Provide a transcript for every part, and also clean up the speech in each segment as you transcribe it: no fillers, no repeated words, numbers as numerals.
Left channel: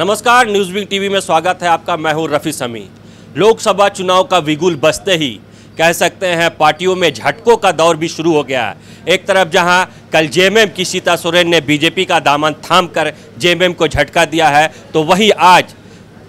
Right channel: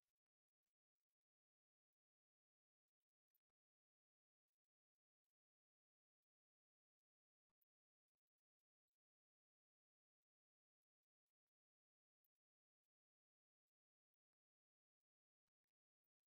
नमस्कार, news wing TV में स्वागत है आपका। मैं हूं रफ़ी समी। लोकसभा चुनाव का बिगुल बजते ही कह सकते हैं पार्टियों में झटकों का दौर भी शुरू हो गया है। एक तरफ जहां कल जेएमएम की सीता सोरेन ने बीजेपी का दामन थामकर जेएमएम को झटका दिया है, तो वहीं आज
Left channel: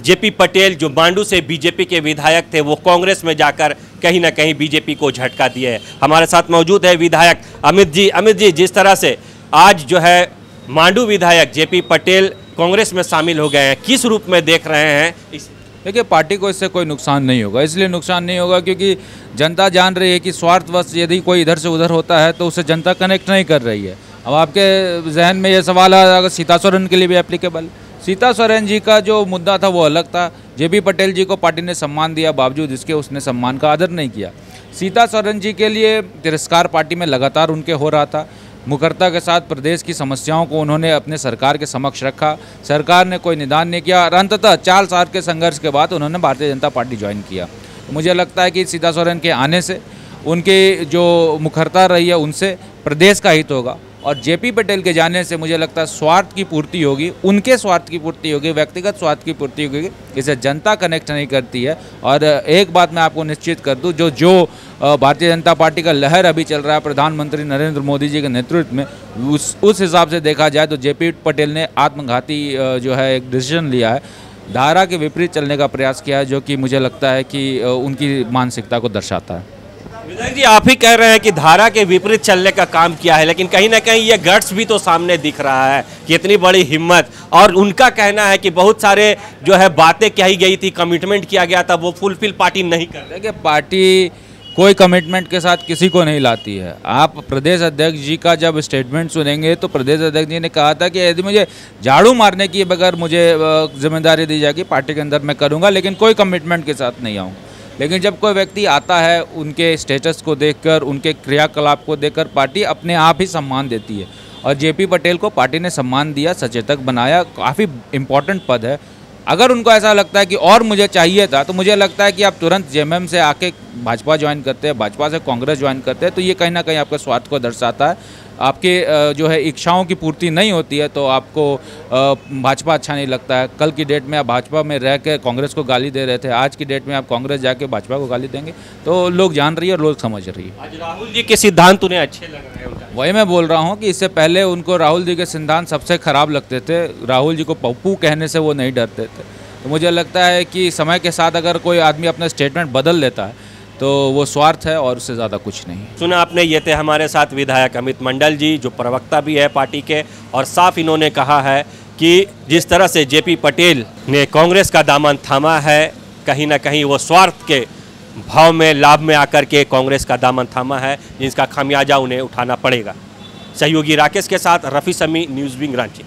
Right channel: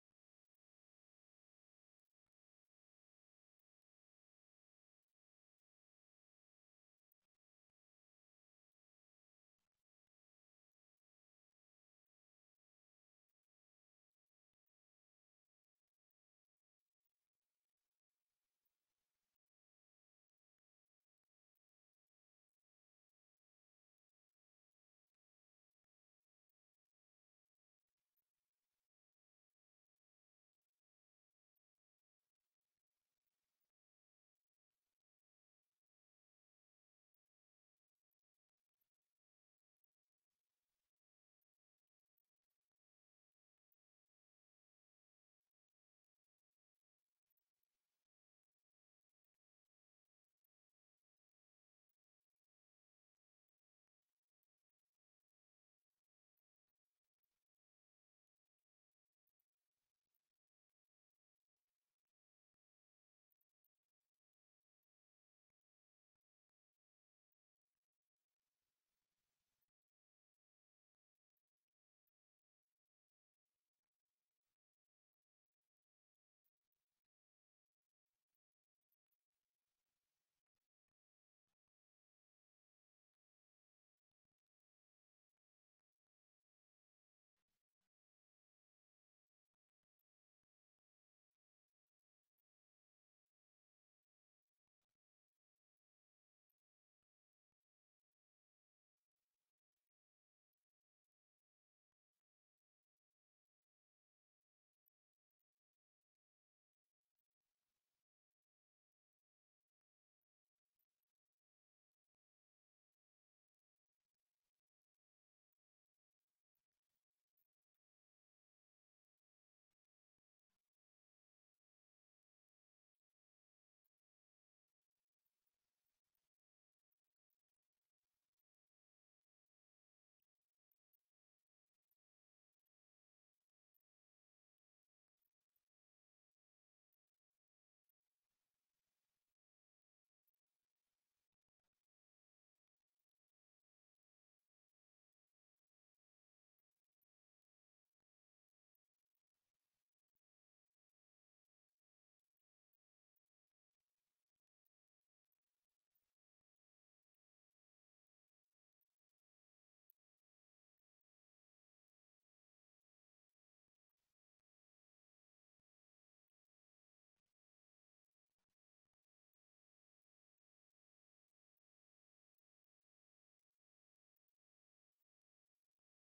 जेपी पटेल जो मांडू से बीजेपी के विधायक थे वो कांग्रेस में जाकर कहीं ना कहीं बीजेपी को झटका दिए। हमारे साथ मौजूद है विधायक अमित जी। अमित जी, जिस तरह से आज जो है मांडू विधायक जेपी पटेल कांग्रेस में शामिल हो गए हैं, किस रूप में देख रहे हैं? देखिए, पार्टी को इससे कोई नुकसान नहीं होगा। इसलिए नुकसान नहीं होगा क्योंकि जनता जान रही है कि स्वार्थवश यदि कोई इधर से उधर होता है तो उससे जनता कनेक्ट नहीं कर रही है। अब आपके जहन में ये सवाल है, अगर सीता सोरेन के लिए भी एप्लीकेबल। सीता सोरेन जी का जो मुद्दा था वो अलग था। जेपी पटेल जी को पार्टी ने सम्मान दिया, बावजूद इसके उसने सम्मान का आदर नहीं किया। सीता सोरेन जी के लिए तिरस्कार पार्टी में लगातार उनके हो रहा था। मुखरता के साथ प्रदेश की समस्याओं को उन्होंने अपने सरकार के समक्ष रखा। सरकार ने कोई निदान नहीं किया और अंततः 4 साल के संघर्ष के बाद उन्होंने भारतीय जनता पार्टी ज्वाइन किया। तो मुझे लगता है कि सीता सोरेन के आने से उनकी जो मुखरता रही है उनसे प्रदेश का हित होगा, और जेपी पटेल के जाने से मुझे लगता है स्वार्थ की पूर्ति होगी, उनके स्वार्थ की पूर्ति होगी, व्यक्तिगत स्वार्थ की पूर्ति होगी। इसे जनता कनेक्ट नहीं करती है। और एक बात मैं आपको निश्चित कर दूं, जो भारतीय जनता पार्टी का लहर अभी चल रहा है प्रधानमंत्री नरेंद्र मोदी जी के नेतृत्व में, उस हिसाब से देखा जाए तो जेपी पटेल ने आत्मघाती जो है एक डिसीजन लिया है, धारा के विपरीत चलने का प्रयास किया है, जो कि मुझे लगता है कि उनकी मानसिकता को दर्शाता है। विधायक जी, आप ही कह रहे हैं कि धारा के विपरीत चलने का काम किया है, लेकिन कहीं ना कहीं ये गट्स भी तो सामने दिख रहा है कि इतनी बड़ी हिम्मत। और उनका कहना है कि बहुत सारे जो है बातें कही गई थी, कमिटमेंट किया गया था, वो फुलफिल पार्टी नहीं कर रही। देखिए, पार्टी कोई कमिटमेंट के साथ किसी को नहीं लाती है। आप प्रदेश अध्यक्ष जी का जब स्टेटमेंट सुनेंगे तो प्रदेश अध्यक्ष जी ने कहा था कि यदि मुझे झाड़ू मारने की बगैर मुझे जिम्मेदारी दी जाएगी पार्टी के अंदर मैं करूँगा, लेकिन कोई कमिटमेंट के साथ नहीं आऊँगा। लेकिन जब कोई व्यक्ति आता है, उनके स्टेटस को देखकर, उनके क्रियाकलाप को देखकर पार्टी अपने आप ही सम्मान देती है। और जेपी पटेल को पार्टी ने सम्मान दिया, सचेतक बनाया, काफ़ी इम्पोर्टेंट पद है। अगर उनको ऐसा लगता है कि और मुझे चाहिए था, तो मुझे लगता है कि आप तुरंत जेएमएम से आके भाजपा ज्वाइन करते हैं, भाजपा से कांग्रेस ज्वाइन करते हैं, तो ये कहीं ना कहीं आपके स्वार्थ को दर्शाता है। आपके जो है इच्छाओं की पूर्ति नहीं होती है तो आपको भाजपा अच्छा नहीं लगता है। कल की डेट में आप भाजपा में रह के कांग्रेस को गाली दे रहे थे, आज की डेट में आप कांग्रेस जाके भाजपा को गाली देंगे, तो लोग जान रही है और लोग समझ रही है। आज राहुल जी के सिद्धांत उन्हें अच्छे लग रहे हैं। वही मैं बोल रहा हूँ कि इससे पहले उनको राहुल जी के सिद्धांत सबसे खराब लगते थे। राहुल जी को पप्पू कहने से वो नहीं डरते थे। तो मुझे लगता है कि समय के साथ अगर कोई आदमी अपना स्टेटमेंट बदल लेता है तो वो स्वार्थ है और उससे ज़्यादा कुछ नहीं। सुना आपने, ये थे हमारे साथ विधायक अमित मंडल जी, जो प्रवक्ता भी है पार्टी के, और साफ इन्होंने कहा है कि जिस तरह से जेपी पटेल ने कांग्रेस का दामन थामा है, कहीं ना कहीं वो स्वार्थ के भाव में, लाभ में आकर के कांग्रेस का दामन थामा है, जिसका खामियाजा उन्हें उठाना पड़ेगा। सहयोगी राकेश के साथ रफ़ी समी, न्यूज़ विंग रांची।